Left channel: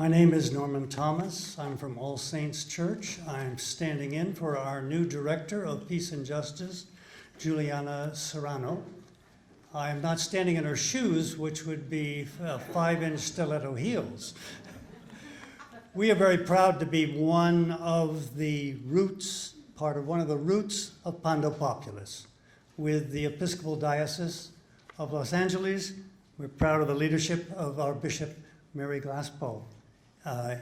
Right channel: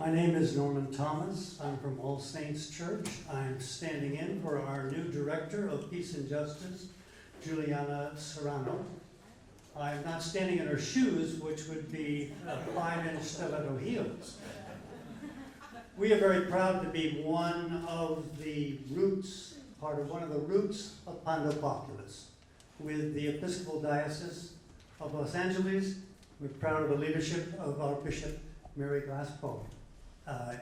My name is Norman Thomas. I'm from All Saints Church. I'm standing in for our new Director of Peace and Justice, Juliana Serrano. I'm not standing in her shoes, which would be 5-inch stiletto heels. We are very proud to be one of the roots of Pando Populus. With the Episcopal Diocese of Los Angeles, we're proud of the leadership of our Bishop, Mary Glaspoe,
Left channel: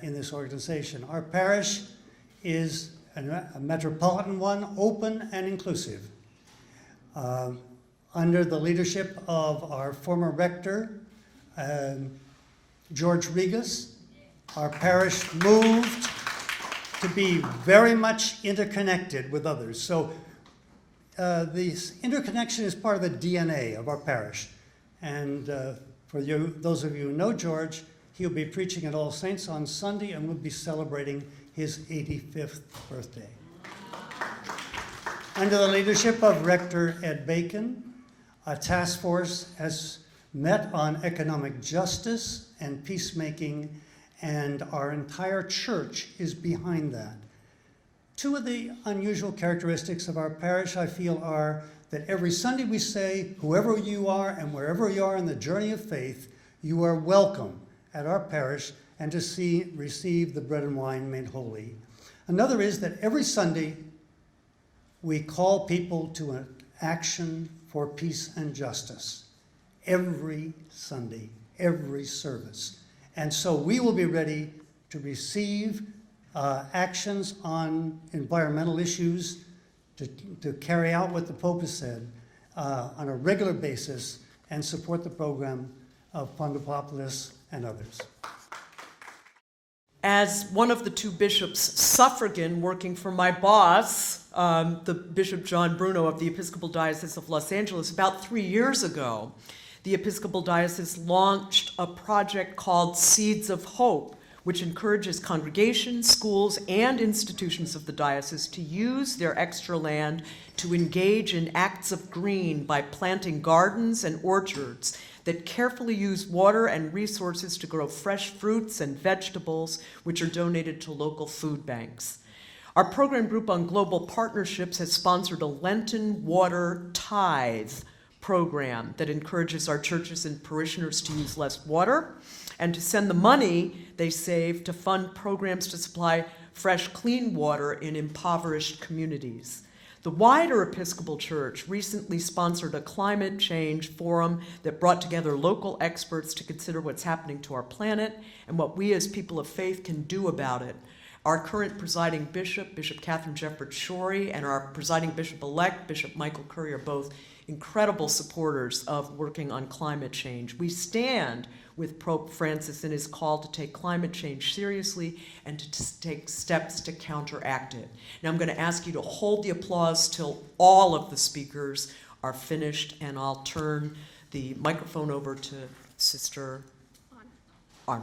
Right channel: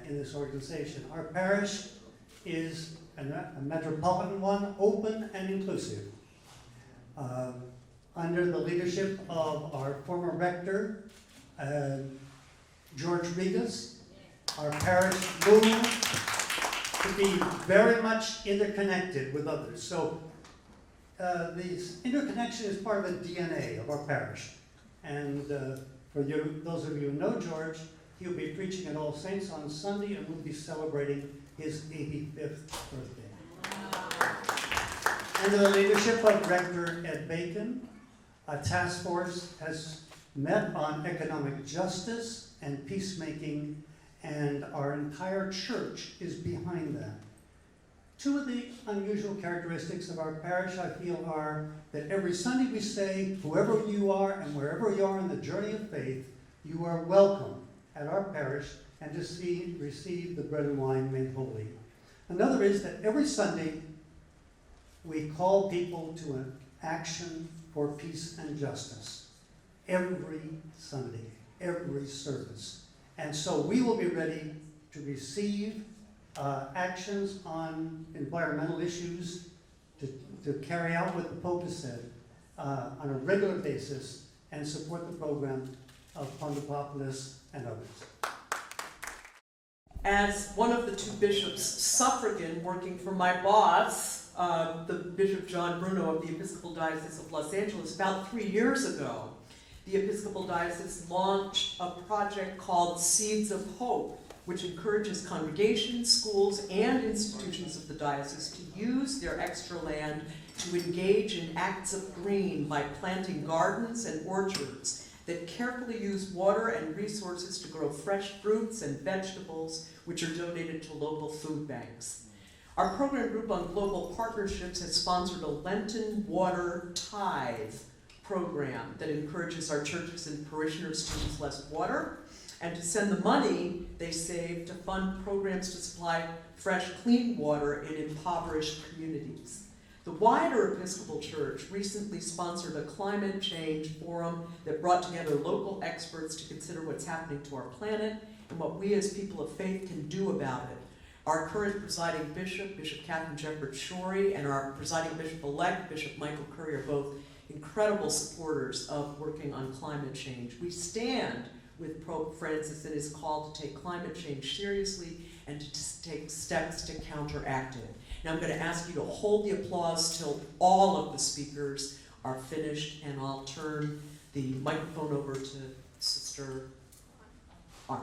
in this organization. Our parish is a metropolitan one, open and inclusive. Under the leadership of our former rector, George Regas, our parish moved to be very much interconnected with others. So this interconnection is part of the DNA of our parish. And for those of you who know George, he'll be preaching at All Saints on Sunday, and we'll be celebrating his 85th birthday. Under the leadership of Rector Ed Bacon, a task force has met on economic justice and peacemaking, and our entire church is behind that. Two of the unusual characteristics of our parish, I feel, are that every Sunday we say, whoever you are and wherever you are in the journey of faith, you are welcome at our parish and to receive the bread and wine made holy. Another is that every Sunday we call people to an action for peace and justice. Every Sunday, every service. And so we will be ready to receive actions on environmental issues, to carry out what the Pope has said on a regular basis and support the program of Pando Populus and others. As one of the two bishops suffragan working for my boss, the Bishop John Bruno of the Episcopal Diocese of Los Angeles, about 3 years ago, the Episcopal Diocese launched a project called Seeds of Hope, which encourages congregations, schools, and institutions of the diocese to use their extra land to engage in acts of green by planting gardens and orchards that carefully use water and resources to grow fresh fruits and vegetables, which are donated to local food banks. Our program group on global partnerships has sponsored a Lenten water tithe program that encourages our churches and parishioners to use less water and to send the money they save to fund programs to supply fresh, clean water in impoverished communities. The wider Episcopal Church recently sponsored a climate change forum that brought together local experts to consider what's happening to our planet and what we as people of faith can do about it. Our current presiding bishop, Bishop Catherine Jeffords Shorey, and our presiding bishop-elect, Bishop Michael Curry, are both incredible supporters of working on climate change. We stand with Pope Francis in his call to take climate change seriously and to take steps to counteract it. Now I'm going to ask you to hold the applause till all of the speakers are finished, and I'll turn the microphone over to Sister Anna.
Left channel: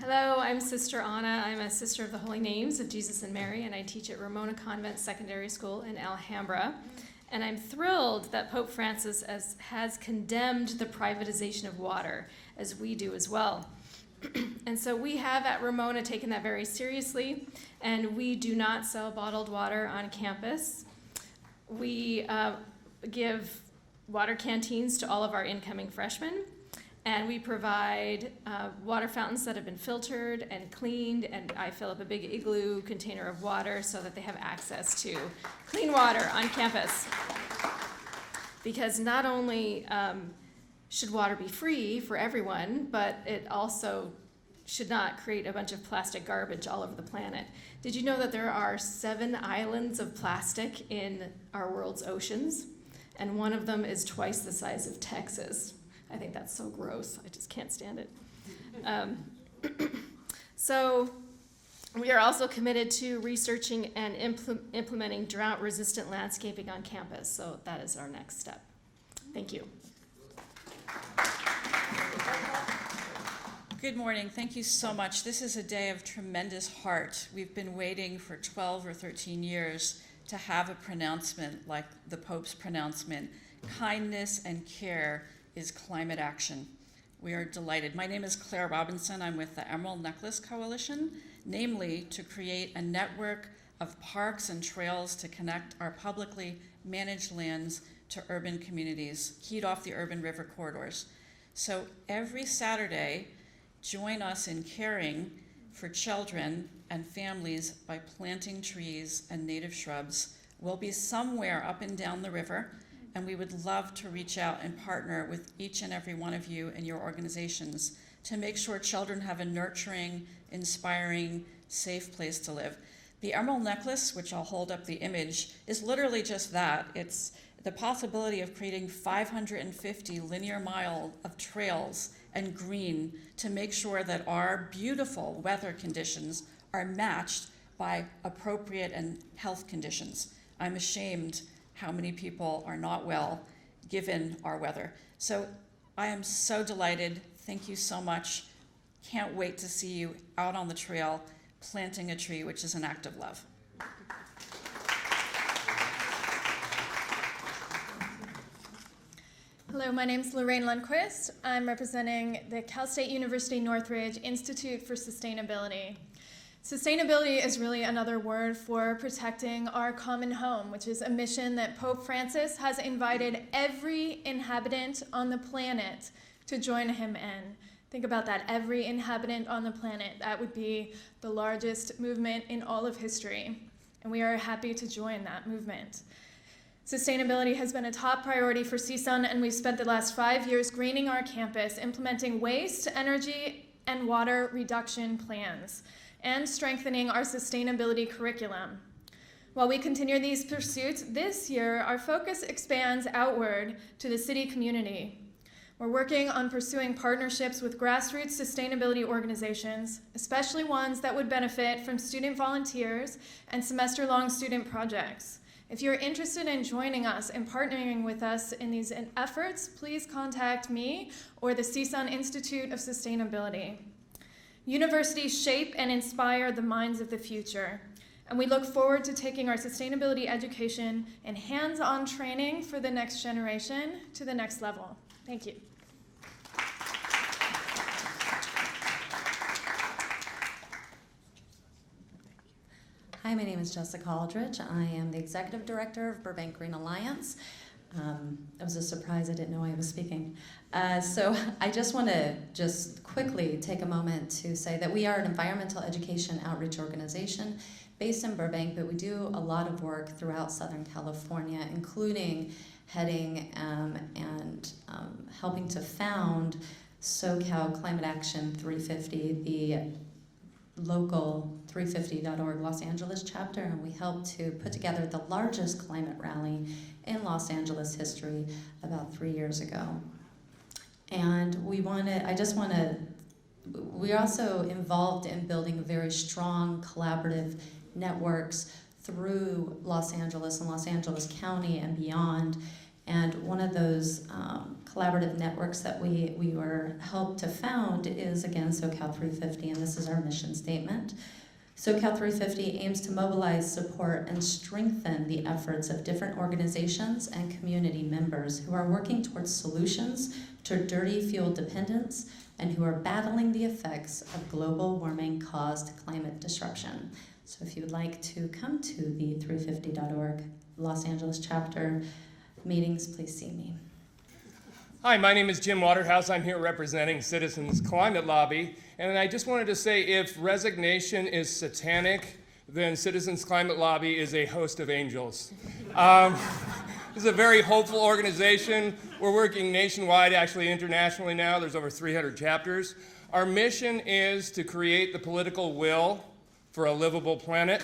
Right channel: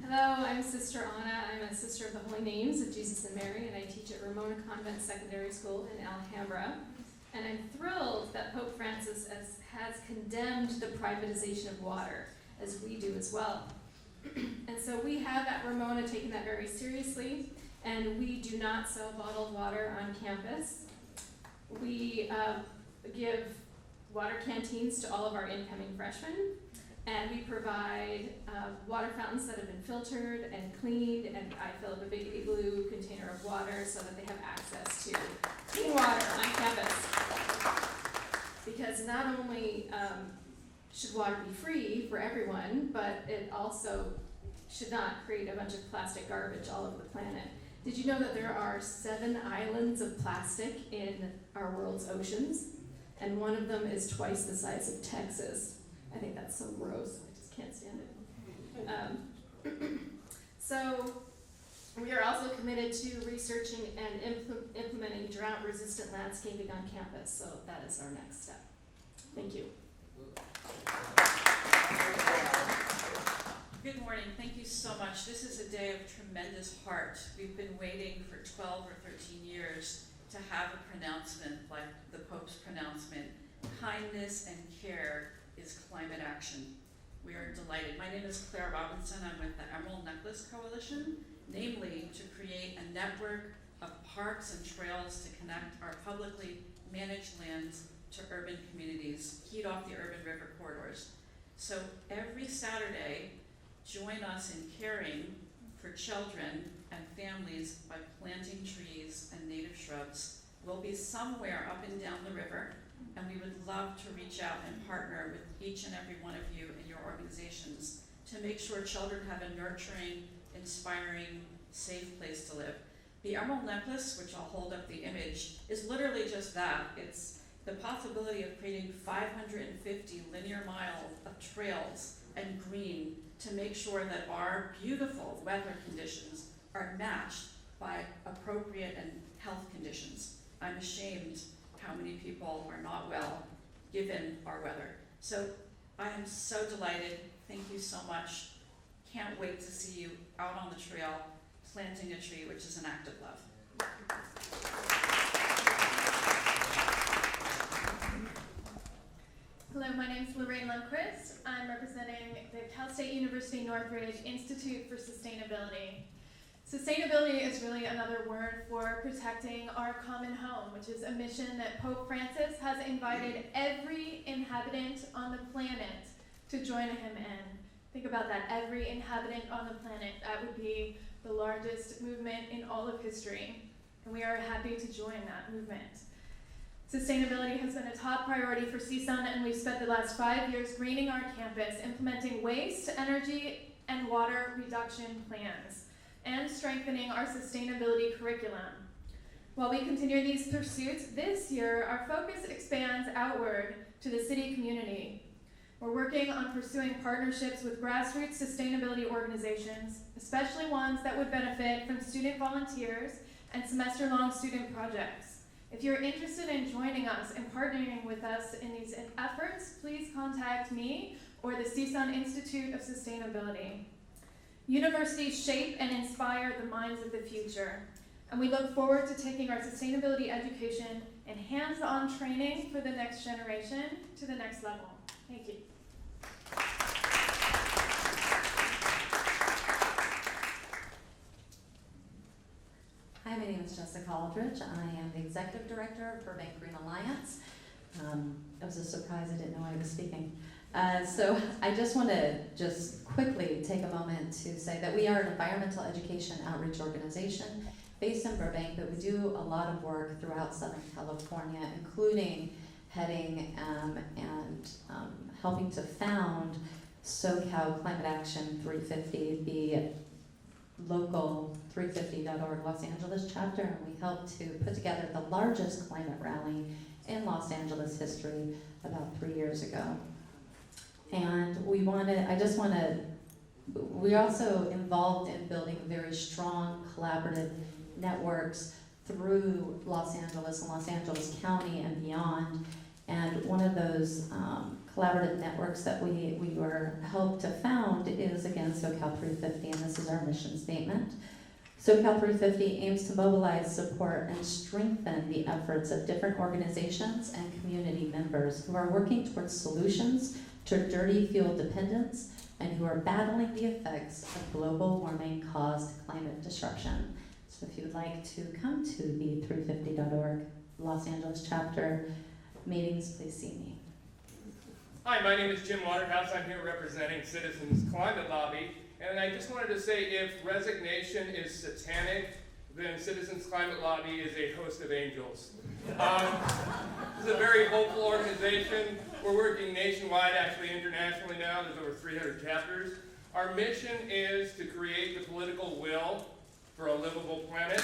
Hello, I'm Sister Anna. I'm a Sister of the Holy Names of Jesus and Mary, and I teach at Ramona Convent Secondary School in Alhambra. And I'm thrilled that Pope Francis has condemned the privatization of water, as we do as well. And so we have at Ramona taken that very seriously, and we do not sell bottled water on campus. We give water canteens to all of our incoming freshmen, and we provide water fountains that have been filtered and cleaned, and I fill up a big igloo container of water so that they have access to clean water on campus. Because not only should water be free for everyone, but it also should not create a bunch of plastic garbage all over the planet. Did you know that there are 7 islands of plastic in our world's oceans? And one of them is twice the size of Texas. I think that's so gross. I just can't stand it. So we are also committed to researching and implementing drought-resistant landscaping on campus. So that is our next step. Thank you. Good morning. Thank you so much. This is a day of tremendous heart. We've been waiting for 12 or 13 years to have a pronouncement like the Pope's pronouncement. Kindness and care is climate action. We are delighted. My name is Claire Robinson. I'm with the Emerald Necklace Coalition, namely to create a network of parks and trails to connect our publicly managed lands to urban communities, keyed off the urban river corridors. So every Saturday, join us in caring for children and families by planting trees and native shrubs. We'll be somewhere up and down the river, and we would love to reach out and partner with each and every one of you and your organizations to make sure children have a nurturing, inspiring, safe place to live. The Emerald Necklace, which I'll hold up the image, is literally just that. It's the possibility of creating 550 linear miles of trails and green to make sure that our beautiful weather conditions are matched by appropriate and health conditions. I'm ashamed how many people are not well given our weather. So I am so delighted. Thank you so much. Can't wait to see you out on the trail planting a tree, which is an act of love. Hello, my name is Lorraine Lundquist. I'm representing the Cal State University Northridge Institute for Sustainability. Sustainability is really another word for protecting our common home, which is a mission that Pope Francis has invited every inhabitant on the planet to join him in. Think about that, every inhabitant on the planet. That would be the largest movement in all of history, and we are happy to join that movement. Sustainability has been a top priority for CSUN, and we've spent the last 5 years greening our campus, implementing waste, energy, and water reduction plans, and strengthening our sustainability curriculum. While we continue these pursuits, this year our focus expands outward to the city community. We're working on pursuing partnerships with grassroots sustainability organizations, especially ones that would benefit from student volunteers and semester-long student projects. If you're interested in joining us and partnering with us in these efforts, please contact me or the CSUN Institute of Sustainability. Universities shape and inspire the minds of the future, and we look forward to taking our sustainability education and hands-on training for the next generation to the next level. Thank you. Hi, my name is Jessica Aldridge. I am the Executive Director of Burbank Green Alliance. It was a surprise, I didn't know I was speaking. So I just want to quickly take a moment to say that we are an environmental education outreach organization based in Burbank, but we do a lot of work throughout Southern California, including heading and helping to found SoCal Climate Action 350, the local 350.org Los Angeles chapter, and we helped to put together the largest climate rally in Los Angeles history about 3 years ago. And we're also involved in building very strong collaborative networks through Los Angeles and Los Angeles County and beyond. And one of those collaborative networks that we were helped to found is, again, SoCal 350, and this is our mission statement. SoCal 350 aims to mobilize, support, and strengthen the efforts of different organizations and community members who are working towards solutions to dirty fuel dependence and who are battling the effects of global warming caused climate disruption. So if you would like to come to the 350.org Los Angeles chapter meetings, please see me. Hi, my name is Jim Waterhouse. I'm here representing Citizens Climate Lobby. And I just wanted to say, if resignation is satanic, then Citizens Climate Lobby is a host of angels. This is a very hopeful organization. We're working nationwide, actually internationally now. There's over 300 chapters. Our mission is to create the political will for a livable planet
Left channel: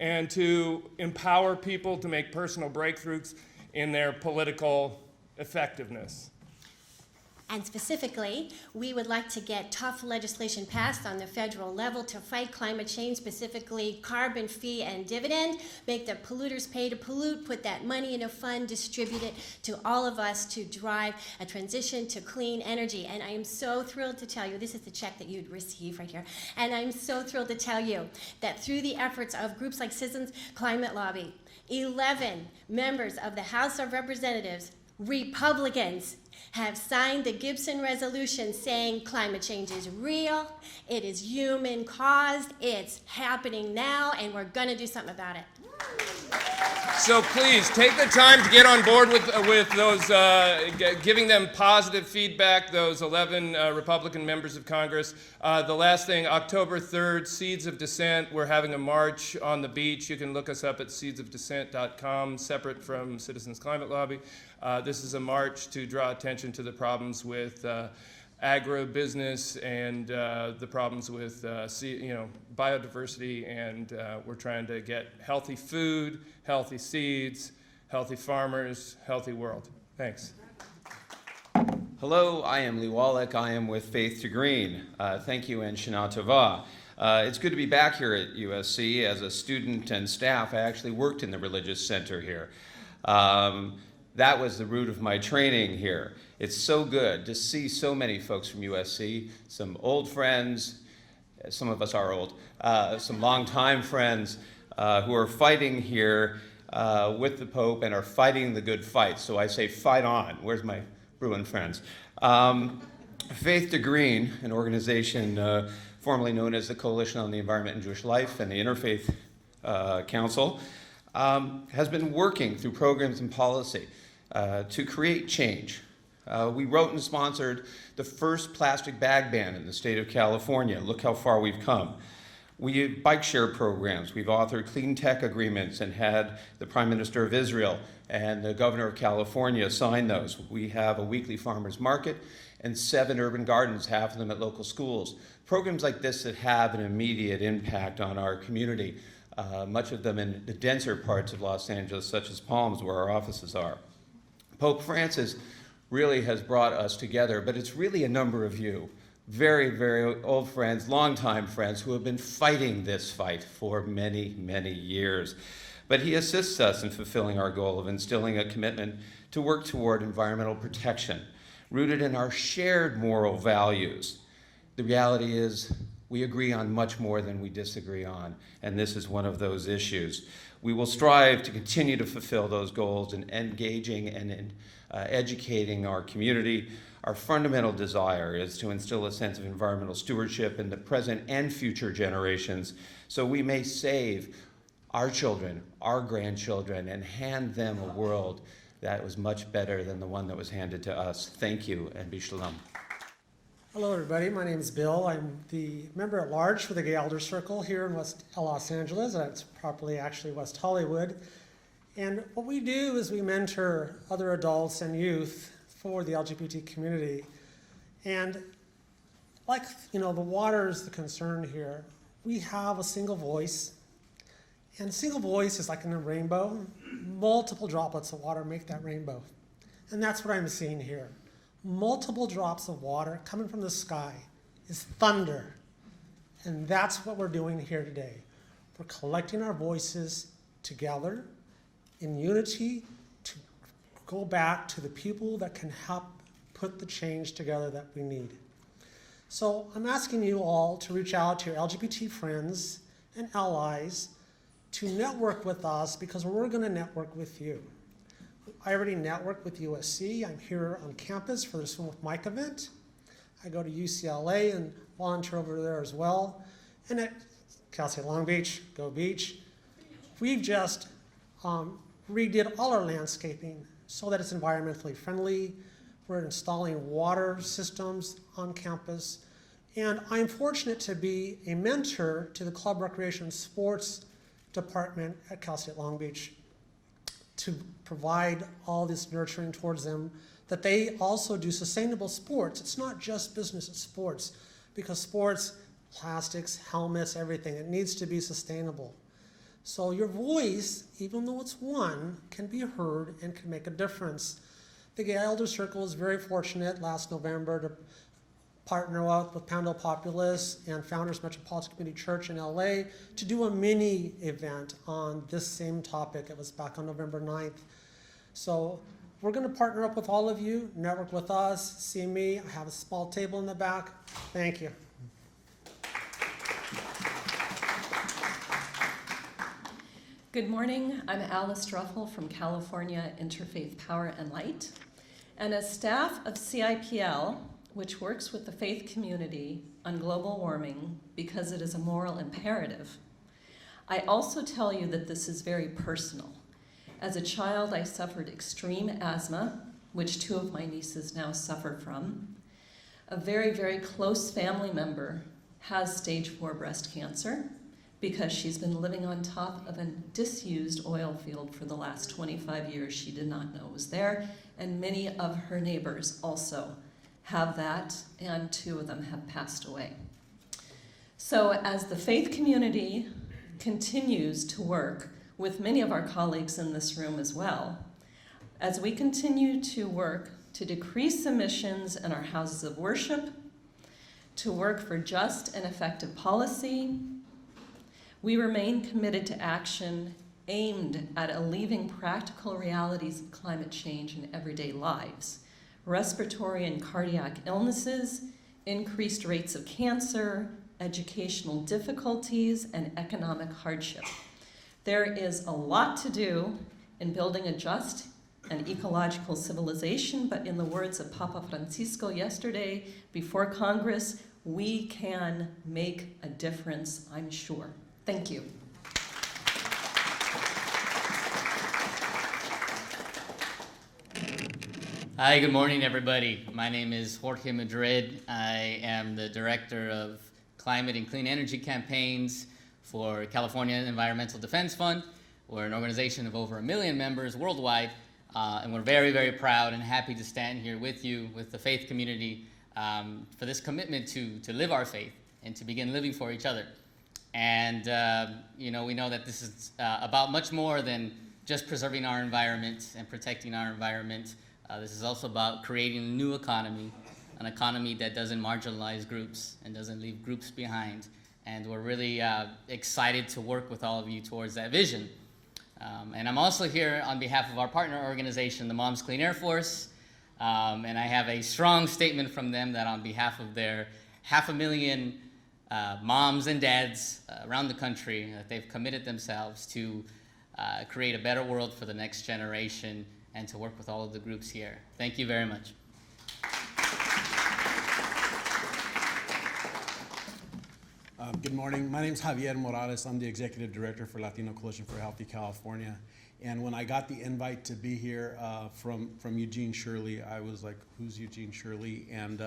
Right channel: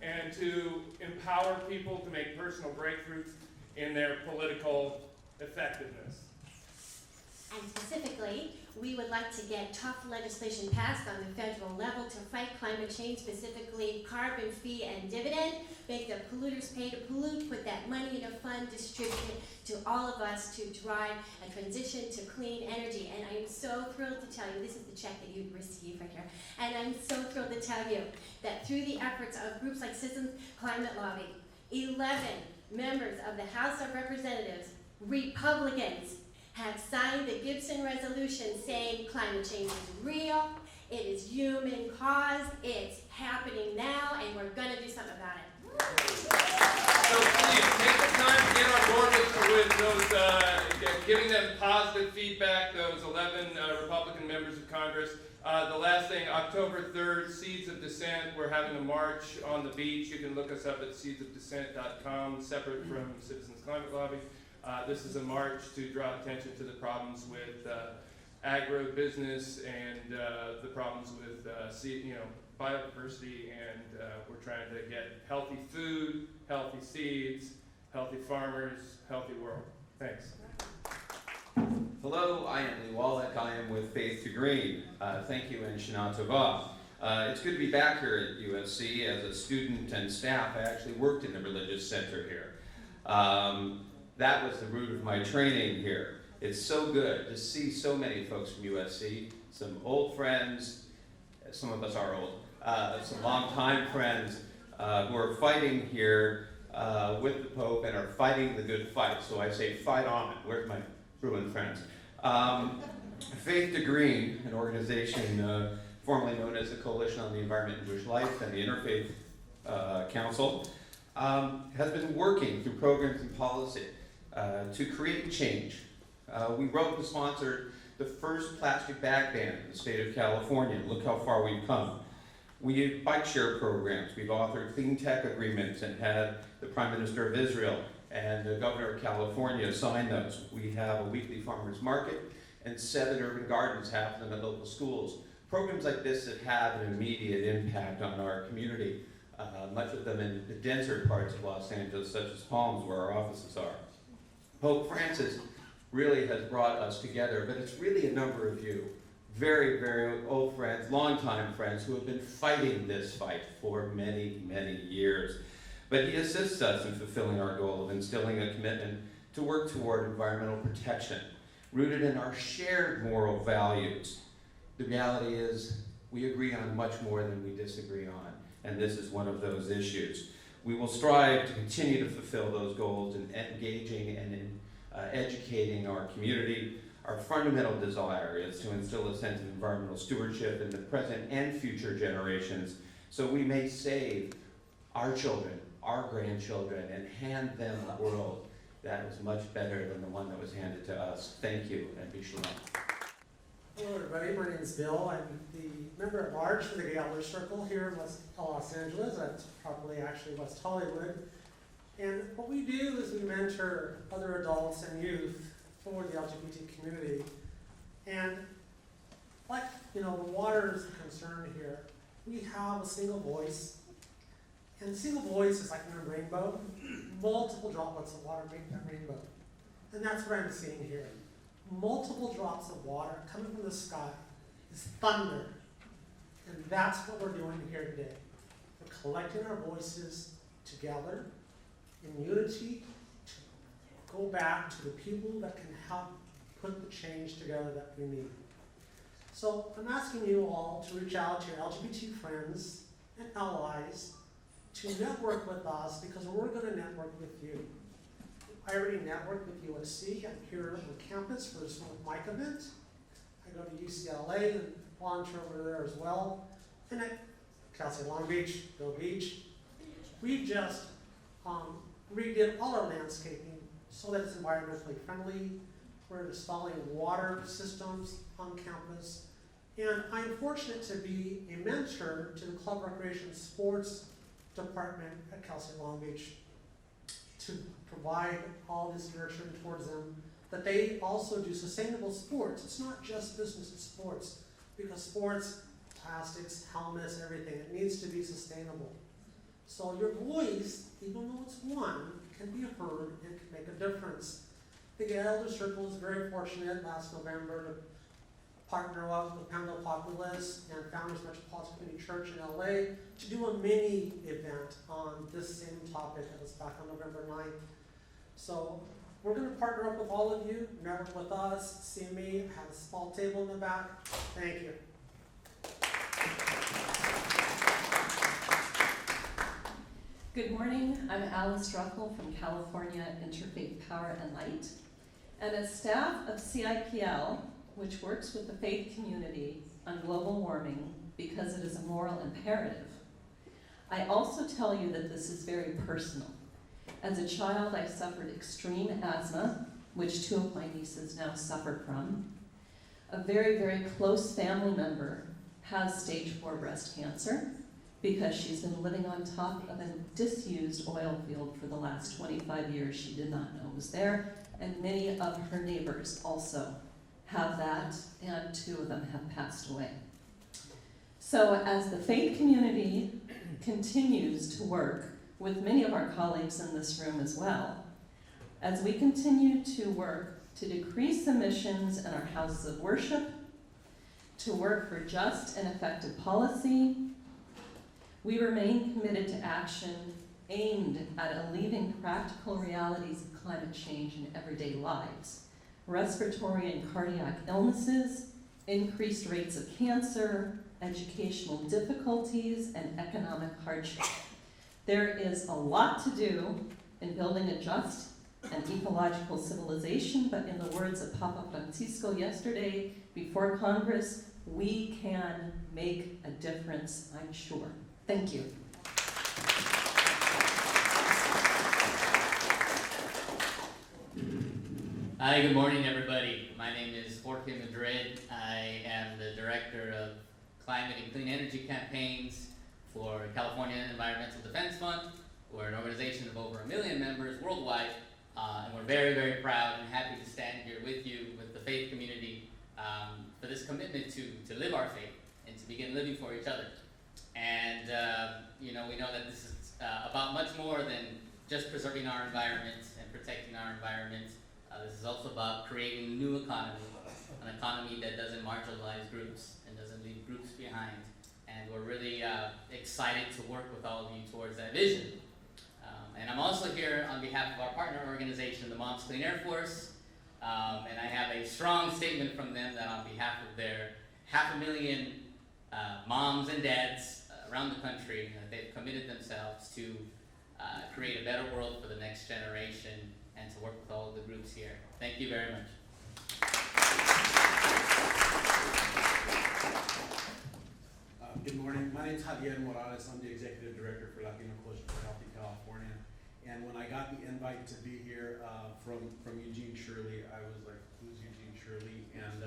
and to empower people to make personal breakthroughs in their political effectiveness. And specifically, we would like to get tough legislation passed on the federal level to fight climate change, specifically carbon fee and dividend, make the polluters pay to pollute, put that money in a fund, distribute it to all of us to drive a transition to clean energy. And I am so thrilled to tell you, this is the check that you'd receive right here, and I'm so thrilled to tell you that through the efforts of groups like Citizens Climate Lobby, 11 members of the House of Representatives, Republicans, have signed the Gibson resolution saying climate change is real, it is human caused, it's happening now, and we're gonna do something about it. So please take the time to get on board with those, giving them positive feedback, those 11 Republican members of Congress. The last thing, October 3rd, Seeds of Dissent. We're having a march on the beach. You can look us up at seedsofdissent.com, separate from Citizens Climate Lobby. This is a march to draw attention to the problems with agribusiness and the problems with biodiversity, and we're trying to get healthy food, healthy seeds, healthy farmers, healthy world. Thanks. Hello, I am Lee Wallach. I am with Faith to Green. Thank you and Shana Tova. It's good to be back here at USC. As a student and staff, I actually worked in the religious center here. That was the root of my training here. It's so good to see so many folks from USC, some old friends, some of us are old, some longtime friends who are fighting here with the Pope and are fighting the good fight. So I say fight on. Where's my Bruin friends? Faith to Green, an organization formerly known as the Coalition on the Environment and Jewish Life and the Interfaith Council, has been working through programs and policy to create change. We wrote and sponsored the first plastic bag ban in the state of California. Look how far we've come. We did bike share programs. We've authored clean tech agreements and had the Prime Minister of Israel and the Governor of California sign those. We have a weekly farmers market and 7 urban gardens, half of them at local schools. Programs like this that have an immediate impact on our community, much of them in the denser parts of Los Angeles, such as Palms, where our offices are. Pope Francis really has brought us together, but it's really a number of you, very, very old friends, longtime friends, who have been fighting this fight for many, many years. But he assists us in fulfilling our goal of instilling a commitment to work toward environmental protection, rooted in our shared moral values. The reality is we agree on much more than we disagree on, and this is one of those issues. We will strive to continue to fulfill those goals in engaging and in educating our community. Our fundamental desire is to instill a sense of environmental stewardship in the present and future generations so we may save our children, our grandchildren, and hand them a world that was much better than the one that was handed to us. Thank you, and be shalom. Hello everybody, my name is Bill. I'm the member at large for the Gay Elder Circle here in West Los Angeles. That's properly actually West Hollywood. And what we do is we mentor other adults and youth for the LGBT community. And like, the water is the concern here. We have a single voice. And single voice is like in a rainbow. Multiple droplets of water make that rainbow. And that's what I'm seeing here. Multiple drops of water coming from the sky is thunder. And that's what we're doing here today. We're collecting our voices together in unity to go back to the people that can help put the change together that we need. So I'm asking you all to reach out to your LGBT friends and allies to network with us, because we're going to network with you. I already network with USC. I'm here on campus for the Swim with Mike event. I go to UCLA and volunteer over there as well. And at Cal State Long Beach, Go Beach, we've just redid all our landscaping so that it's environmentally friendly. We're installing water systems on campus. And I'm fortunate to be a mentor to the Club Recreation Sports Department at Cal State Long Beach to provide all this nurturing towards them, that they also do sustainable sports. It's not just business, it's sports, because sports, plastics, helmets, everything, it needs to be sustainable. So your voice, even though it's one, can be heard and can make a difference. The Gay Elder Circle is very fortunate last November to partner up with Pando, Populus, and Founders Metropolitan Community Church in LA to do a mini event on this same topic. It was back on November 9th. So we're going to partner up with all of you, network with us, see me. I have a small table in the back. Thank you. Good morning. I'm Alice Druffel from California Interfaith Power and Light. and as staff of CIPL, which works with the faith community on global warming because it is a moral imperative, I also tell you that this is very personal. As a child, I suffered extreme asthma, which 2 of my nieces now suffer from. A very, very close family member has stage 4 breast cancer because she's been living on top of a disused oil field for the last 25 years. She did not know it was there, and many of her neighbors also have that, and 2 of them have passed away. So as the faith community continues to work with many of our colleagues in this room as well, as we continue to work to decrease emissions in our houses of worship, to work for just and effective policy, we remain committed to action aimed at alleviating practical realities of climate change in everyday lives. Respiratory and cardiac illnesses, increased rates of cancer, educational difficulties, and economic hardship. There is a lot to do in building a just and ecological civilization, but in the words of Papa Francisco yesterday before Congress, we can make a difference, I'm sure. Thank you. Hi, good morning, everybody. My name is Jorge Madrid. I am the Director of Climate and Clean Energy Campaigns for California Environmental Defense Fund. We're an organization of over 1 million members worldwide, and we're very, very proud and happy to stand here with you, with the faith community, for this commitment to live our faith and to begin living for each other. And you know, we know that this is about much more than just preserving our environment and protecting our environment. This is also about creating a new economy, an economy that doesn't marginalize groups and doesn't leave groups behind. And we're really excited to work with all of you towards that vision. And I'm also here on behalf of our partner organization, the Moms Clean Air Force. And I have a strong statement from them that on behalf of their 500,000 moms and dads around the country, they've committed themselves to create a better world for the next generation and to work with all of the groups here. Thank you very much. Good morning. My name is Javier Morales. I'm the Executive Director for Latino Coalition for a Healthy California. And when I got the invite to be here from Eugene Shirley, I was like, who's Eugene Shirley? And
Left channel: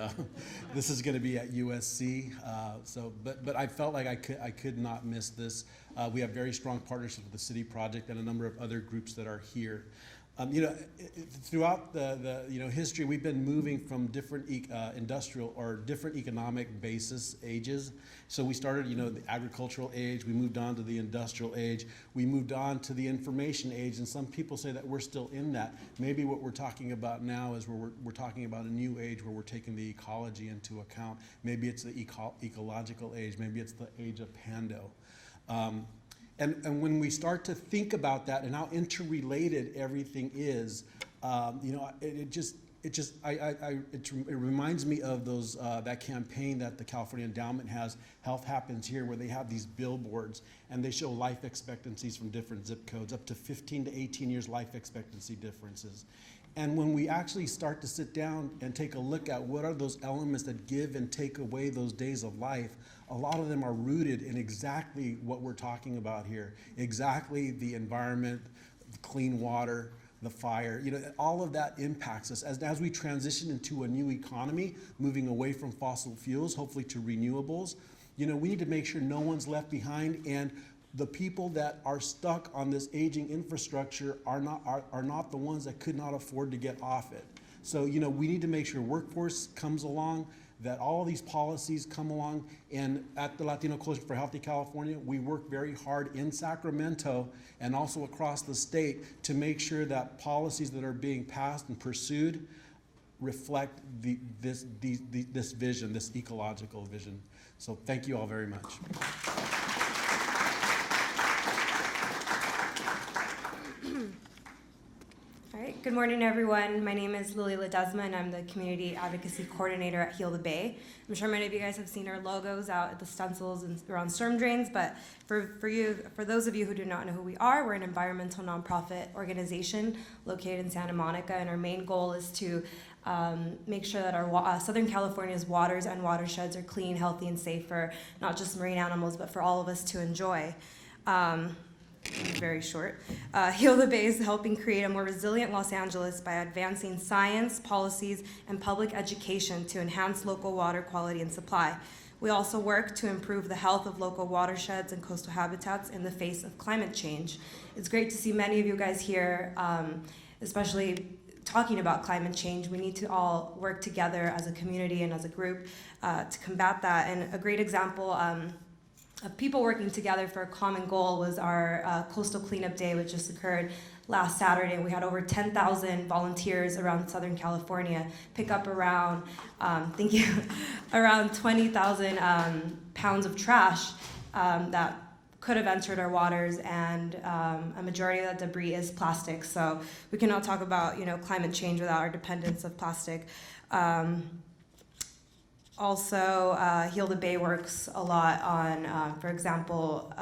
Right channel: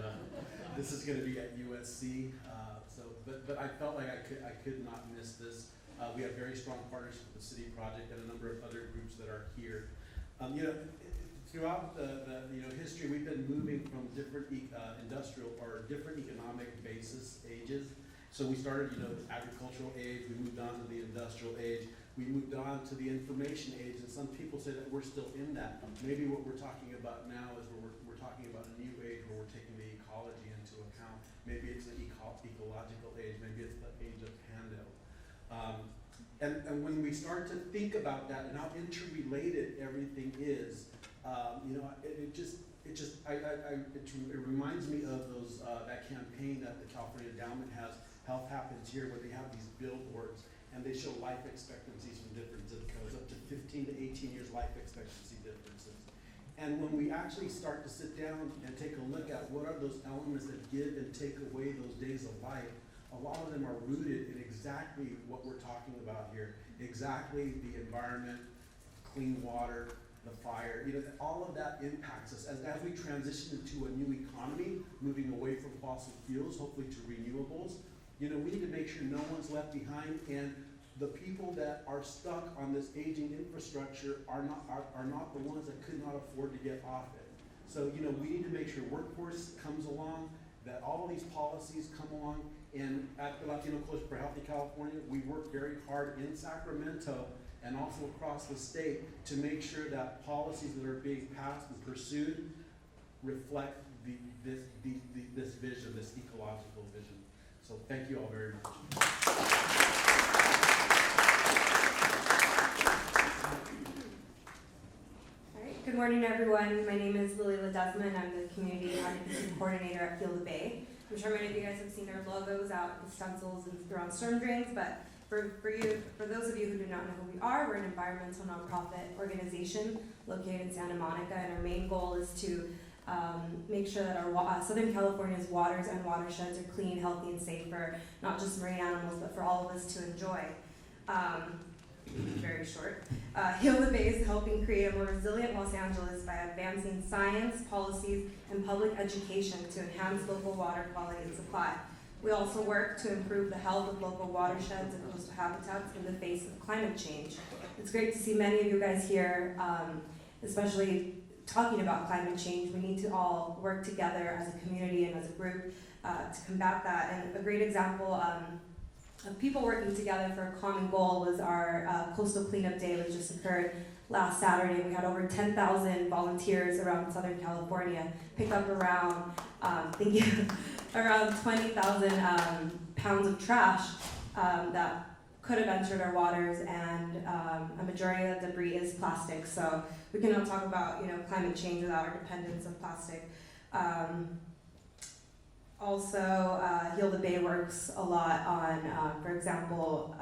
this is going to be at USC. But I felt like I could not miss this. We have very strong partnership with the City Project and a number of other groups that are here. You know, throughout the history, we've been moving from different industrial or different economic ages. So we started, the agricultural age, we moved on to the industrial age, we moved on to the information age, and some people say that we're still in that. Maybe what we're talking about now is we're talking about a new age where we're taking the ecology into account. Maybe it's the ecological age, maybe it's the age of Pando. And when we start to think about that and how interrelated everything is, it reminds me of those that campaign that the California Endowment has, Health Happens Here, where they have these billboards and they show life expectancies from different zip codes, up to 15 to 18 years life expectancy differences. And when we actually start to sit down and take a look at what are those elements that give and take away those days of life, a lot of them are rooted in exactly what we're talking about here, exactly the environment, the clean water, the fire, all of that impacts us. As we transition into a new economy, moving away from fossil fuels, hopefully to renewables, we need to make sure no one's left behind, and the people that are stuck on this aging infrastructure are not the ones that could not afford to get off it. So, we need to make sure workforce comes along, that all these policies come along, and at the Latino Coalition for Healthy California, we work very hard in Sacramento and also across the state to make sure that policies that are being passed and pursued reflect this vision, this ecological vision. So thank you all very much. All right, good morning everyone. My name is Lily Ledesma and I'm the Community Advocacy Coordinator at Heal the Bay. I'm sure many of you guys have seen our logos out at the stencils and around storm drains, but for those of you who do not know who we are, we're an environmental nonprofit organization located in Santa Monica, and our main goal is to make sure that our Southern California's waters and watersheds are clean, healthy, and safe for not just marine animals, but for all of us to enjoy. Very short. Heal the Bay is helping create a more resilient Los Angeles by advancing science, policies, and public education to enhance local water quality and supply. We also work to improve the health of local watersheds and coastal habitats in the face of climate change. It's great to see many of you guys here, especially talking about climate change. We need to all work together as a community and as a group to combat that. And a great example of people working together for a common goal was our Coastal Cleanup Day, which just occurred last Saturday. We had over 10,000 volunteers around Southern California pick up around, around 20,000 pounds of trash that could have entered our waters, and a majority of that debris is plastic. So we cannot talk about climate change without our dependence of plastic. Also, Heal the Bay works a lot on, for example,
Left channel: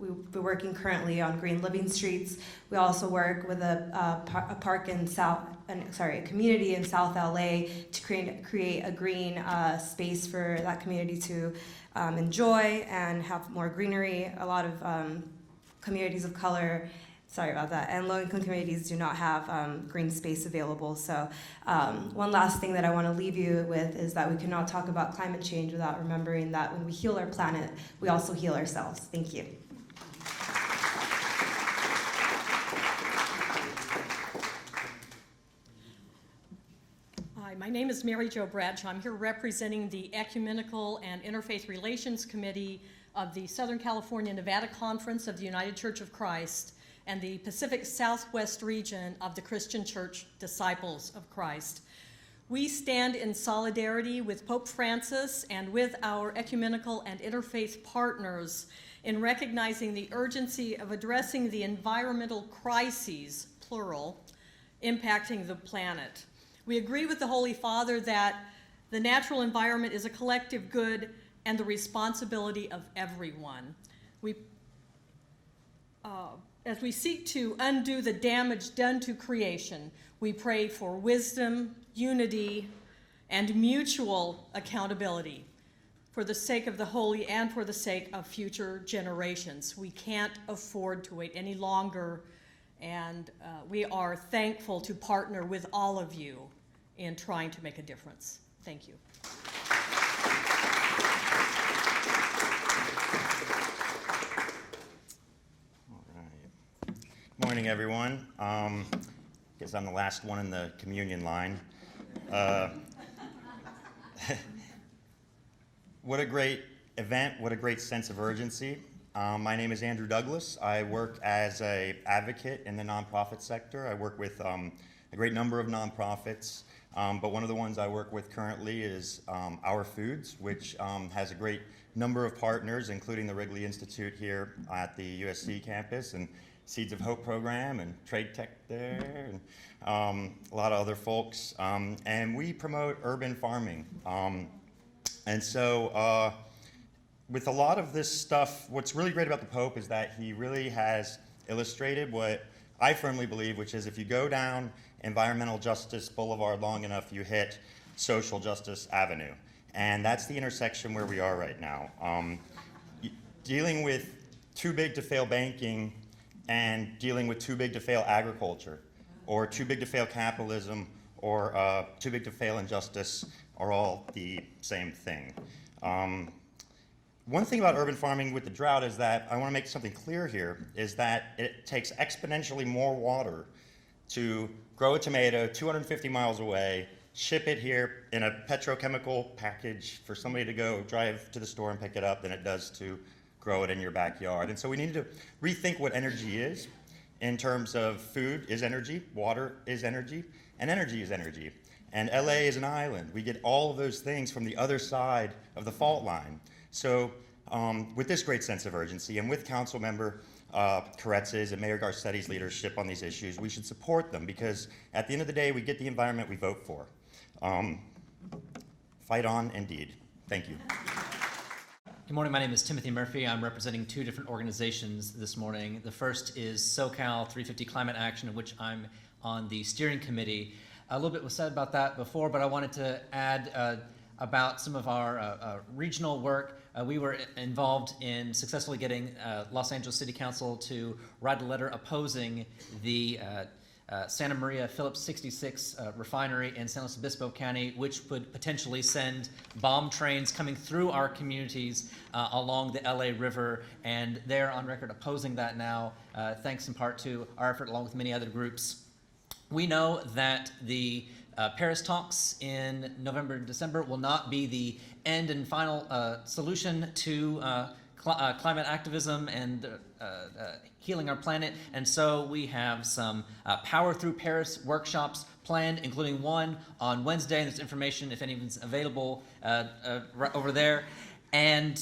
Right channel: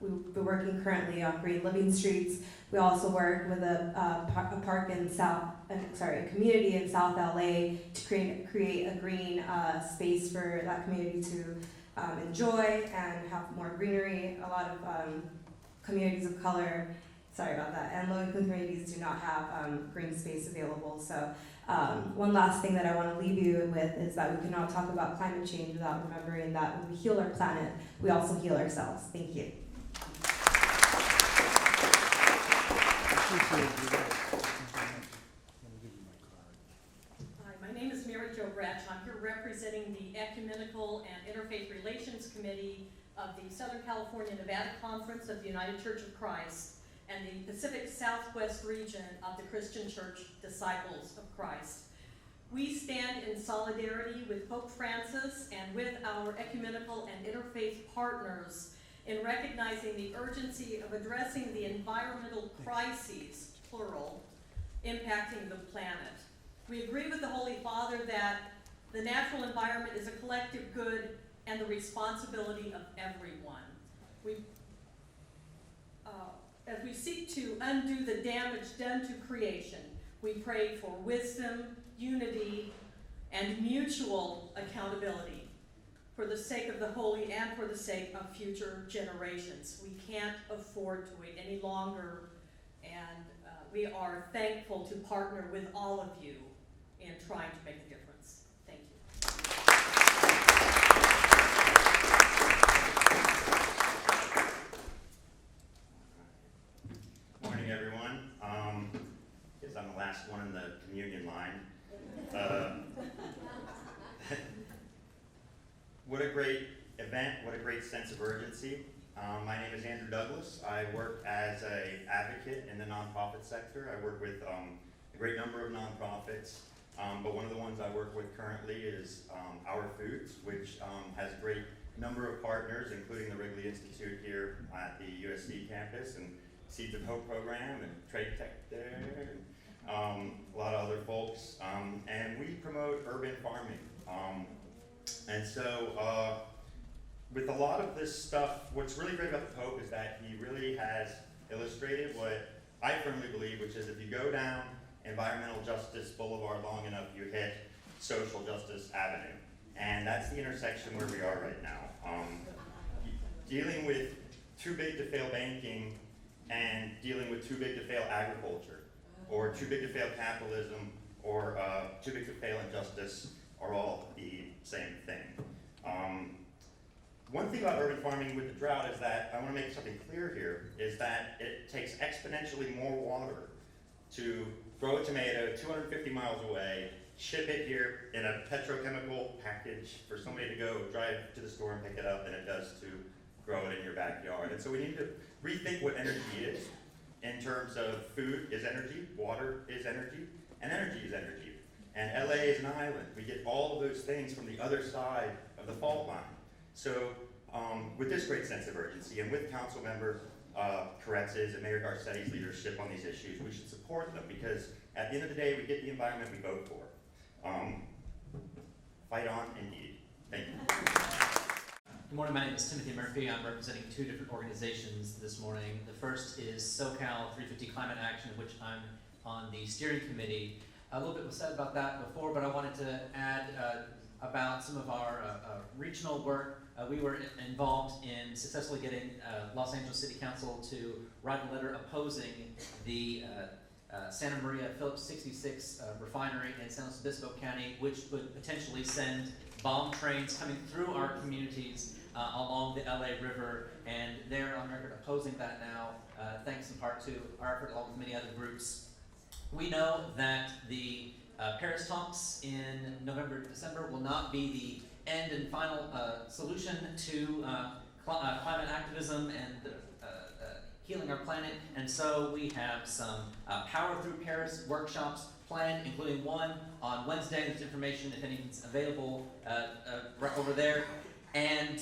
we're working currently on green living streets. We also work with a park in a community in South LA to create a green space for that community to enjoy and have more greenery. A lot of communities of color, and low-income communities do not have green space available. So one last thing that I want to leave you with is that we cannot talk about climate change without remembering that when we heal our planet, we also heal ourselves. Thank you. Hi, my name is Mary Jo Bradshaw. I'm here representing the Ecumenical and Interfaith Relations Committee of the Southern California Nevada Conference of the United Church of Christ and the Pacific Southwest region of the Christian Church Disciples of Christ. We stand in solidarity with Pope Francis and with our ecumenical and interfaith partners in recognizing the urgency of addressing the environmental crises, plural, impacting the planet. We agree with the Holy Father that the natural environment is a collective good and the responsibility of everyone. As we seek to undo the damage done to creation, we pray for wisdom, unity, and mutual accountability for the sake of the holy and for the sake of future generations. We can't afford to wait any longer, and we are thankful to partner with all of you in trying to make a difference. Thank you. Good morning, everyone. Guess I'm the last one in the communion line. What a great event, what a great sense of urgency. My name is Andrew Douglas. I work as an advocate in the nonprofit sector. I work with a great number of nonprofits, but one of the ones I work with currently is Our Foods, which has a great number of partners, including the Wrigley Institute here at the USC campus, and Seeds of Hope program, and Trade Tech there, and a lot of other folks. And we promote urban farming. And so with a lot of this stuff, what's really great about the Pope is that he really has illustrated what I firmly believe, which is if you go down Environmental Justice Boulevard long enough, you hit Social Justice Avenue. And that's the intersection where we are right now. Dealing with too big to fail banking and dealing with too big to fail agriculture, or too big to fail capitalism, or too big to fail injustice are all the same thing. One thing about urban farming with the drought is that I want to make something clear here, is that it takes exponentially more water to grow a tomato 250 miles away, ship it here in a petrochemical package for somebody to go drive to the store and pick it up than it does to grow it in your backyard. And so we need to rethink what energy is in terms of food is energy, water is energy, and energy is energy. And LA is an island. We get all of those things from the other side of the fault line. So with this great sense of urgency and with Council Member Koretz's and Mayor Garcetti's leadership on these issues, we should support them because at the end of the day, we get the environment we vote for. Fight on, indeed. Thank you. Good morning, my name is Timothy Murphy. I'm representing two different organizations this morning. The first is SoCal 350 Climate Action, of which I'm on the steering committee. A little bit was said about that before, but I wanted to add about some of our regional work. We were involved in successfully getting Los Angeles City Council to write a letter opposing the Santa Maria Phillips 66 refinery in San Luis Obispo County, which would potentially send bomb trains coming through our communities along the LA River, and they're on record opposing that now, thanks in part to our effort along with many other groups. We know that the Paris talks in November and December will not be the end and final solution to climate activism and healing our planet, and so we have some Power Through Paris workshops planned, including one on Wednesday, and there's information if anyone's available right over there. And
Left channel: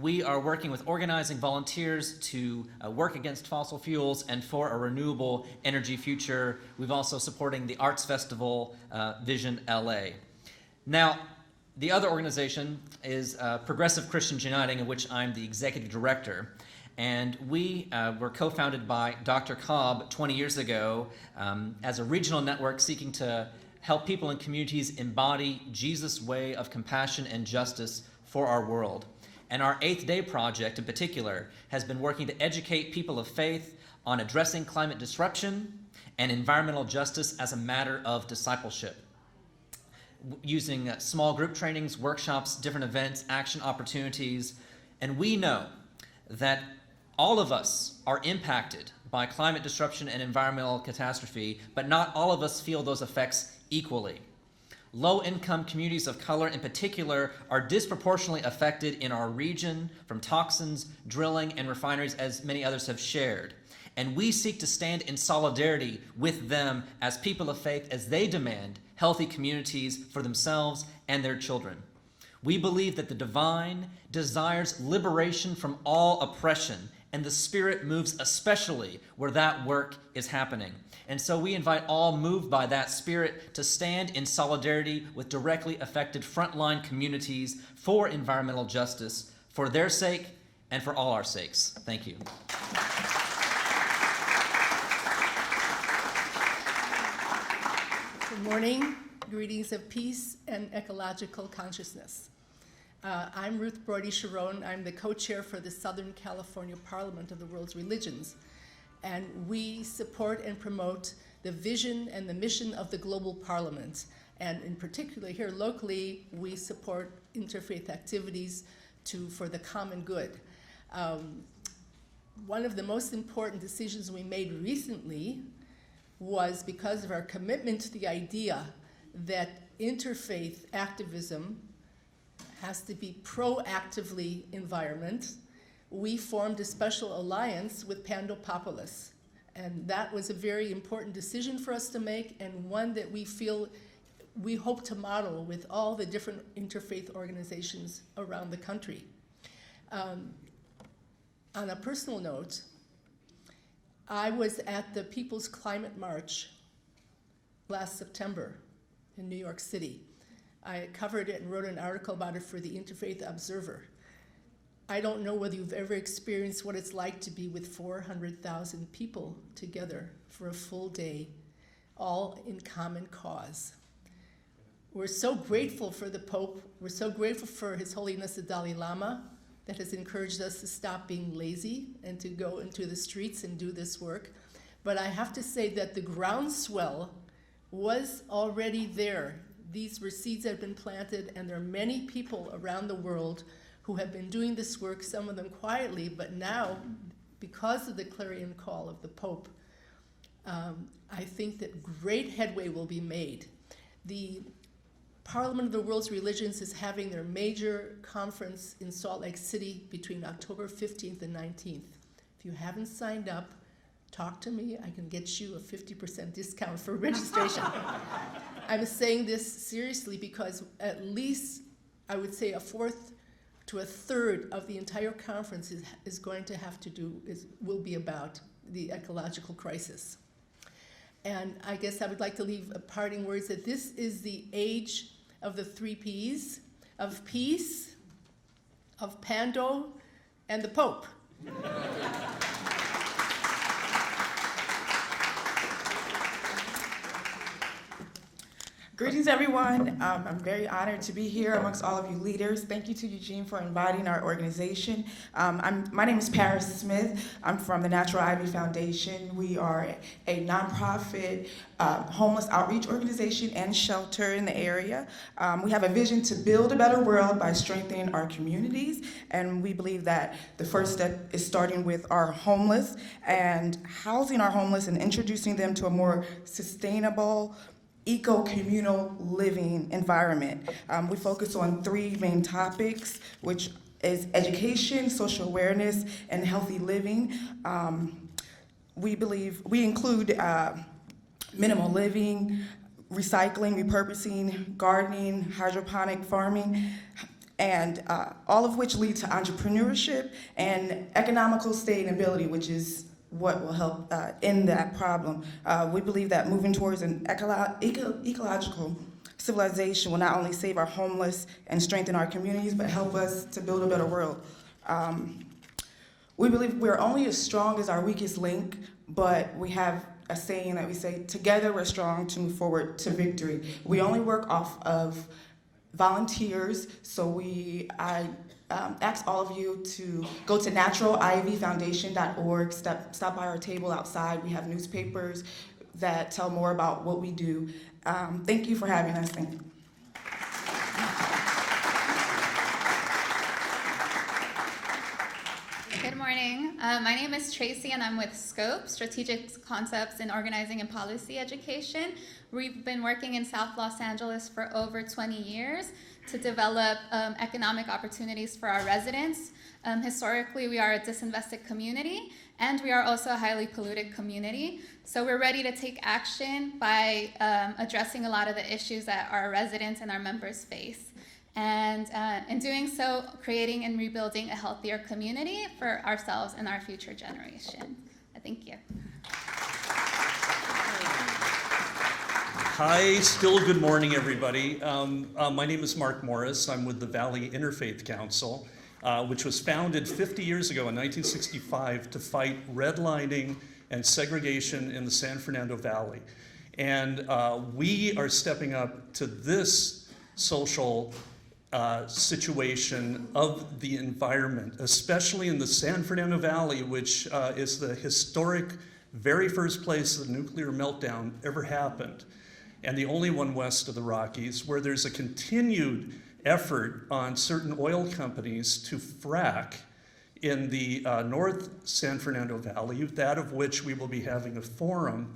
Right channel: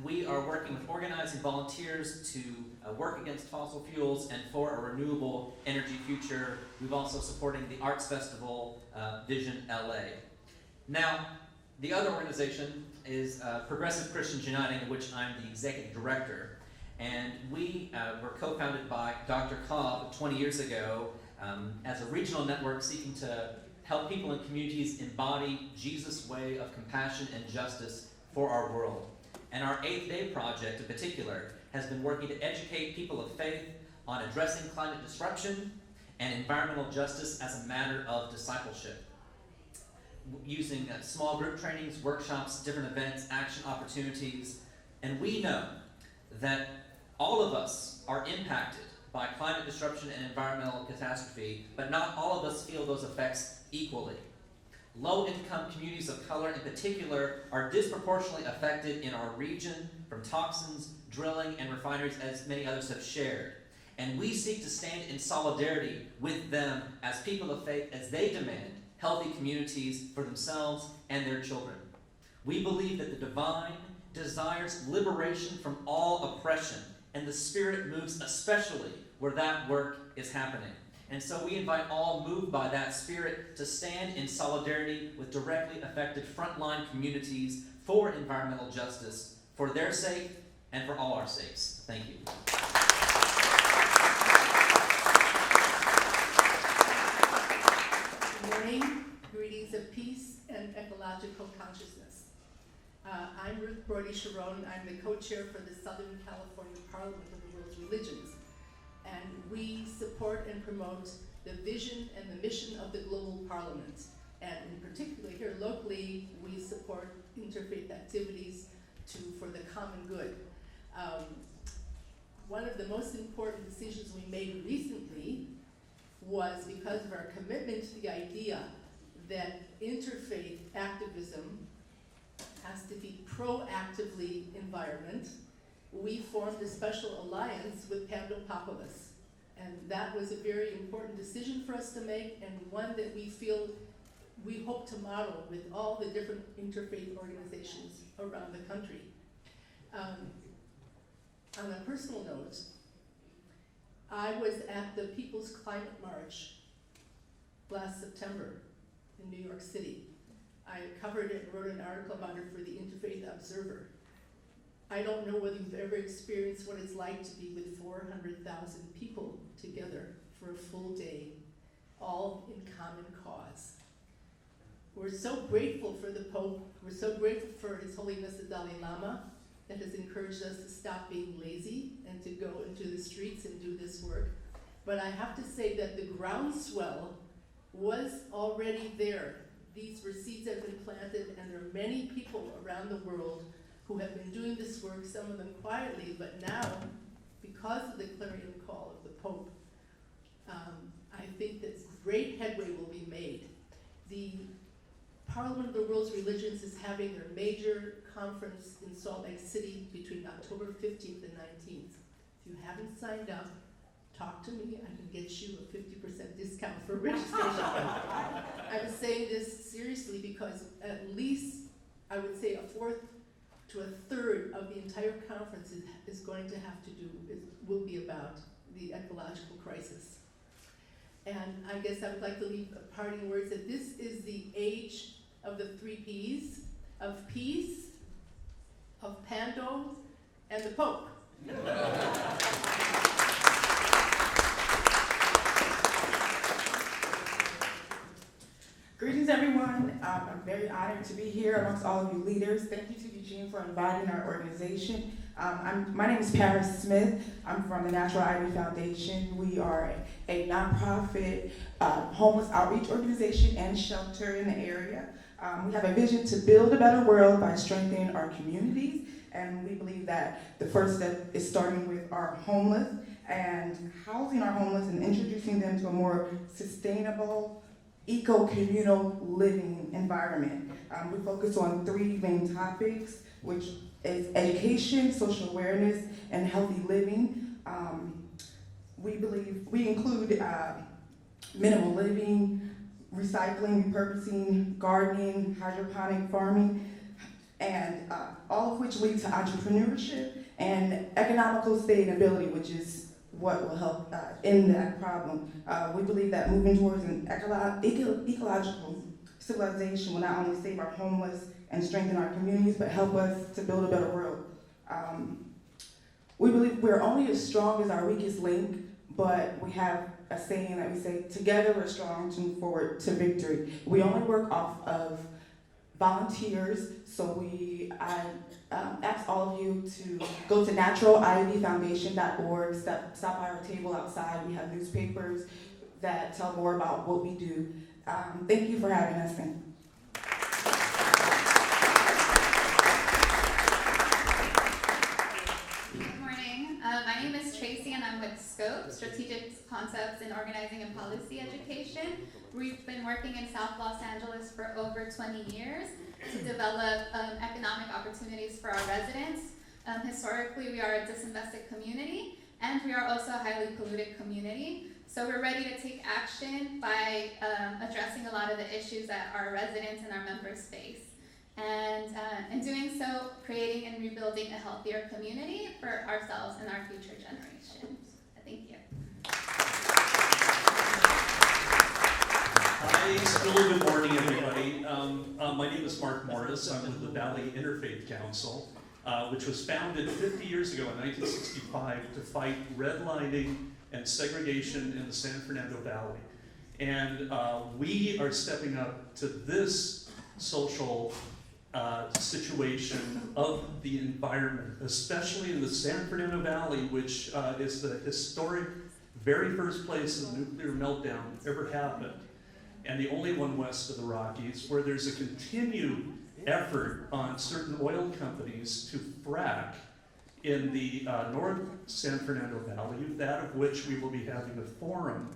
we are working with organizing volunteers to work against fossil fuels and for a renewable energy future. We've also supporting the arts festival Vision LA. Now, the other organization is Progressive Christians Uniting, of which I'm the executive director. And we were co-founded by Dr. Cobb 20 years ago as a regional network seeking to help people in communities embody Jesus' way of compassion and justice for our world. And our 8th Day Project in particular has been working to educate people of faith on addressing climate disruption and environmental justice as a matter of discipleship, using small group trainings, workshops, different events, action opportunities. And we know that all of us are impacted by climate disruption and environmental catastrophe, but not all of us feel those effects equally. Low-income communities of color in particular are disproportionately affected in our region from toxins, drilling, and refineries, as many others have shared. And we seek to stand in solidarity with them as people of faith as they demand healthy communities for themselves and their children. We believe that the divine desires liberation from all oppression, and the Spirit moves especially where that work is happening. And so we invite all moved by that Spirit to stand in solidarity with directly affected frontline communities for environmental justice, for their sake and for all our sakes. Thank you. Good morning. Greetings of peace and ecological consciousness. I'm Ruth Brody-Sharon. I'm the co-chair for the Southern California Parliament of the World's Religions. And we support and promote the vision and the mission of the Global Parliament. And in particular here locally, we support interfaith activities for the common good. One of the most important decisions we made recently was because of our commitment to the idea that interfaith activism has to be proactively environment. We formed a special alliance with Pando Populus. And that was a very important decision for us to make, and one that we hope to model with all the different interfaith organizations around the country. On a personal note, I was at the People's Climate March last September in New York City. I covered it and wrote an article about it for the Interfaith Observer. I don't know whether you've ever experienced what it's like to be with 400,000 people together for a full day, all in common cause. We're so grateful for the Pope. We're so grateful for His Holiness the Dalai Lama that has encouraged us to stop being lazy and to go into the streets and do this work. But I have to say that the groundswell was already there. These were seeds that have been planted, and there are many people around the world who have been doing this work, some of them quietly, but now, because of the clarion call of the Pope, I think that great headway will be made. The Parliament of the World's Religions is having their major conference in Salt Lake City between October 15th and 19th. If you haven't signed up, talk to me. I can get you a 50% discount for registration. I'm saying this seriously because at least, I would say, a fourth to a third of the entire conference is going to have to will be about the ecological crisis. And I guess I would like to leave a parting words that this is the age of the 3 Ps, of peace, of Pando, and the Pope. Greetings, everyone. I'm very honored to be here amongst all of you leaders. Thank you to Eugene for inviting our organization. My name is Paris Smith. I'm from the Natural Ivy Foundation. We are a nonprofit homeless outreach organization and shelter in the area. We have a vision to build a better world by strengthening our communities, and we believe that the first step is starting with our homeless and housing our homeless and introducing them to a more sustainable, eco-communal living environment. We focus on 3 main topics, which is education, social awareness, and healthy living. We include minimal living, recycling, repurposing, gardening, hydroponic farming, and all of which lead to entrepreneurship and economical sustainability, which is what will help end that problem. We believe that moving towards an ecological civilization will not only save our homeless and strengthen our communities, but help us to build a better world. We believe we're only as strong as our weakest link, but we have a saying that we say, together we're strong to move forward to victory. We only work off of volunteers, so I ask all of you to go to naturalivyfoundation.org, stop by our table outside. We have newspapers that tell more about what we do. Thank you for having us. Thank you. Good morning. My name is Tracy and I'm with SCOPE, Strategic Concepts in Organizing and Policy Education. We've been working in South Los Angeles for over 20 years to develop economic opportunities for our residents. Historically, we are a disinvested community, and we are also a highly polluted community. So we're ready to take action by addressing a lot of the issues that our residents and our members face. And in doing so, creating and rebuilding a healthier community for ourselves and our future generation. Thank you. Hi, still good morning, everybody. My name is Mark Morris. I'm with the Valley Interfaith Council, which was founded 50 years ago in 1965 to fight redlining and segregation in the San Fernando Valley. And we are stepping up to this social situation of the environment, especially in the San Fernando Valley, which is the historic very first place the nuclear meltdown ever happened, and the only one west of the Rockies, where there's a continued effort on certain oil companies to frack in the North San Fernando Valley, that of which we will be having a forum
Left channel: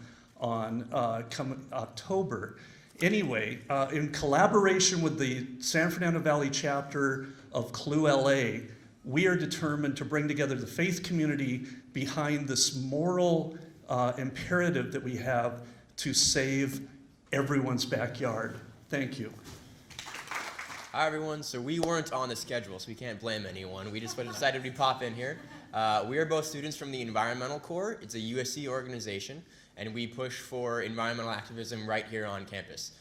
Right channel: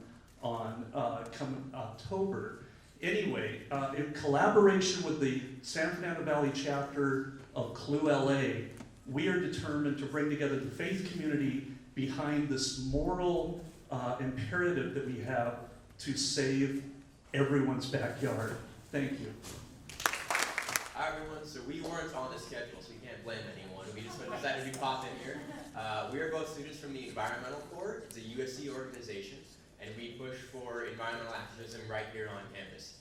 on come October. Anyway, in collaboration with the San Fernando Valley chapter of CLU LA, we are determined to bring together the faith community behind this moral imperative that we have to save everyone's backyard. Thank you. Hi everyone, so we weren't on the schedule, so we can't blame anyone. We just decided we'd pop in here. We are both students from the Environmental Corps. It's a USC organization, and we push for environmental activism right here on campus.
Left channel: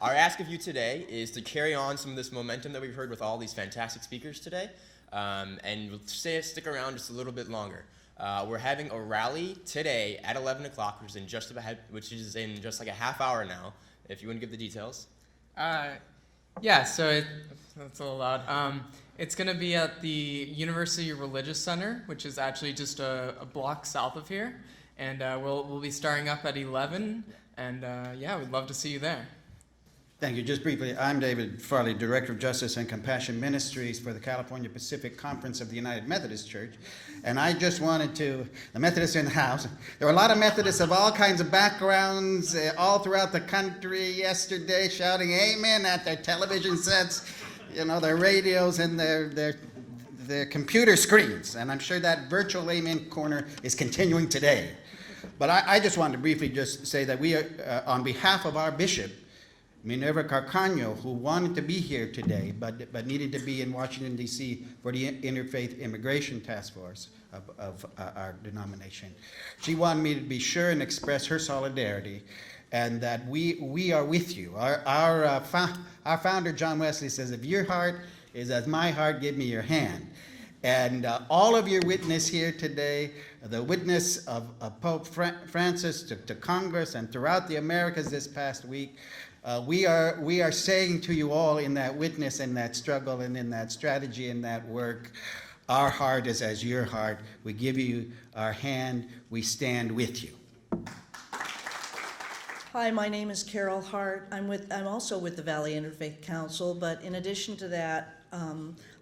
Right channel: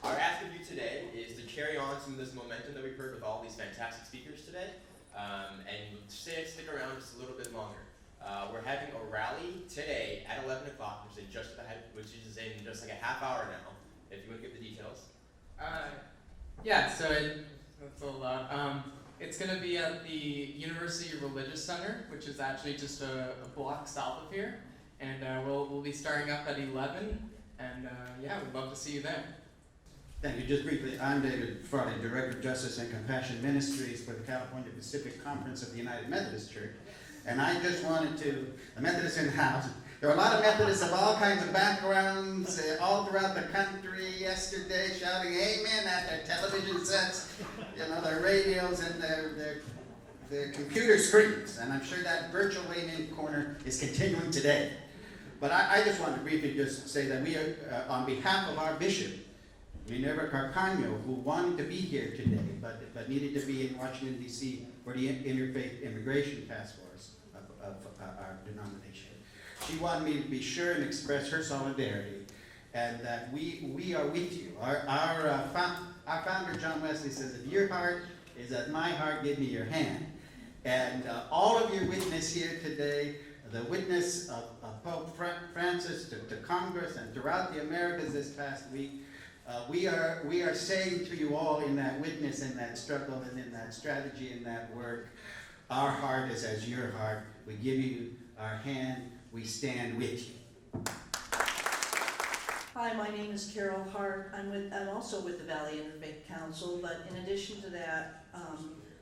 Our ask of you today is to carry on some of this momentum that we've heard with all these fantastic speakers today, and stick around just a little bit longer. We're having a rally today at 11 o'clock, which is in just like a half hour now, if you want to give the details. Yeah, so that's a little loud. It's going to be at the University Religious Center, which is actually just a block south of here. And we'll be starting up at 11, and yeah, we'd love to see you there. Thank you. Just briefly, I'm David Farley, Director of Justice and Compassion Ministries for the California Pacific Conference of the United Methodist Church. And I just wanted to, the Methodists in the house, there were a lot of Methodists of all kinds of backgrounds all throughout the country yesterday shouting amen at their television sets, you know, their radios and their computer screens. And I'm sure that virtual amen corner is continuing today. But I just wanted to briefly just say that we, on behalf of our bishop, Minerva Carcaño, who wanted to be here today, but needed to be in Washington, D.C. for the Interfaith Immigration Task Force of our denomination. She wanted me to be sure and express her solidarity, and that we are with you. Our founder, John Wesley, says, if your heart is as my heart, give me your hand. And all of your witness here today, the witness of Pope Francis to Congress and throughout the Americas this past week. We are saying to you all in that witness, in that struggle, and in that strategy, in that work, our heart is as your heart. We give you our hand. We stand with you. Hi, my name is Carol Hart. I'm also with the Valley Interfaith Council, but in addition to that,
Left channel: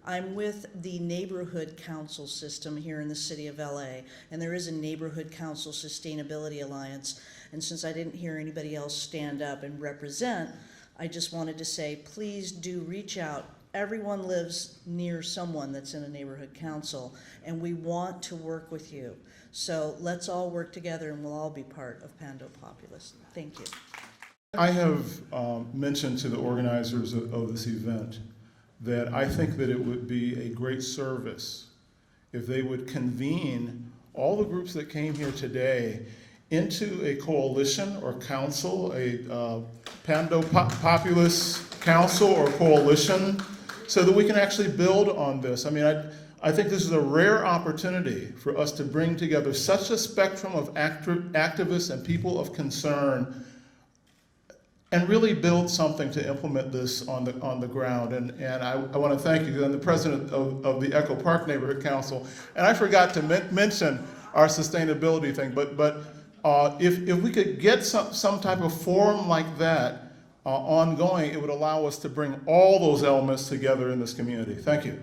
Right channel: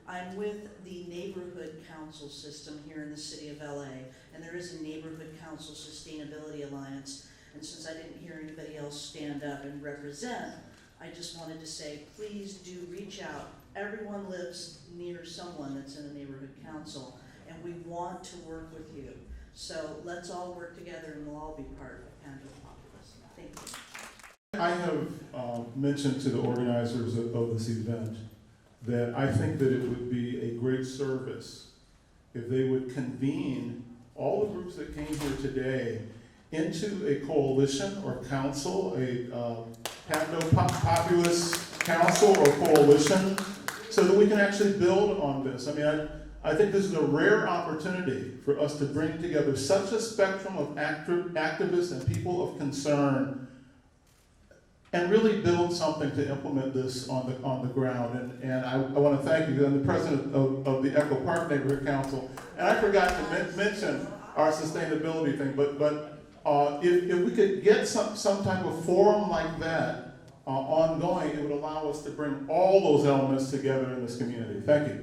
I'm with the Neighborhood Council system here in the city of LA, and there is a Neighborhood Council Sustainability Alliance. And since I didn't hear anybody else stand up and represent, I just wanted to say, please do reach out. Everyone lives near someone that's in a neighborhood council, and we want to work with you. So let's all work together, and we'll all be part of Pando Populus. Thank you. I have mentioned to the organizers of this event that I think that it would be a great service if they would convene all the groups that came here today into a coalition or council, a Pando Populus council or coalition, so that we can actually build on this. I mean, I think this is a rare opportunity for us to bring together such a spectrum of activists and people of concern and really build something to implement this on the ground. And I want to thank you. I'm the president of the Echo Park Neighborhood Council, and I forgot to mention our sustainability thing, but if we could get some type of forum like that ongoing, it would allow us to bring all those elements together in this community. Thank you.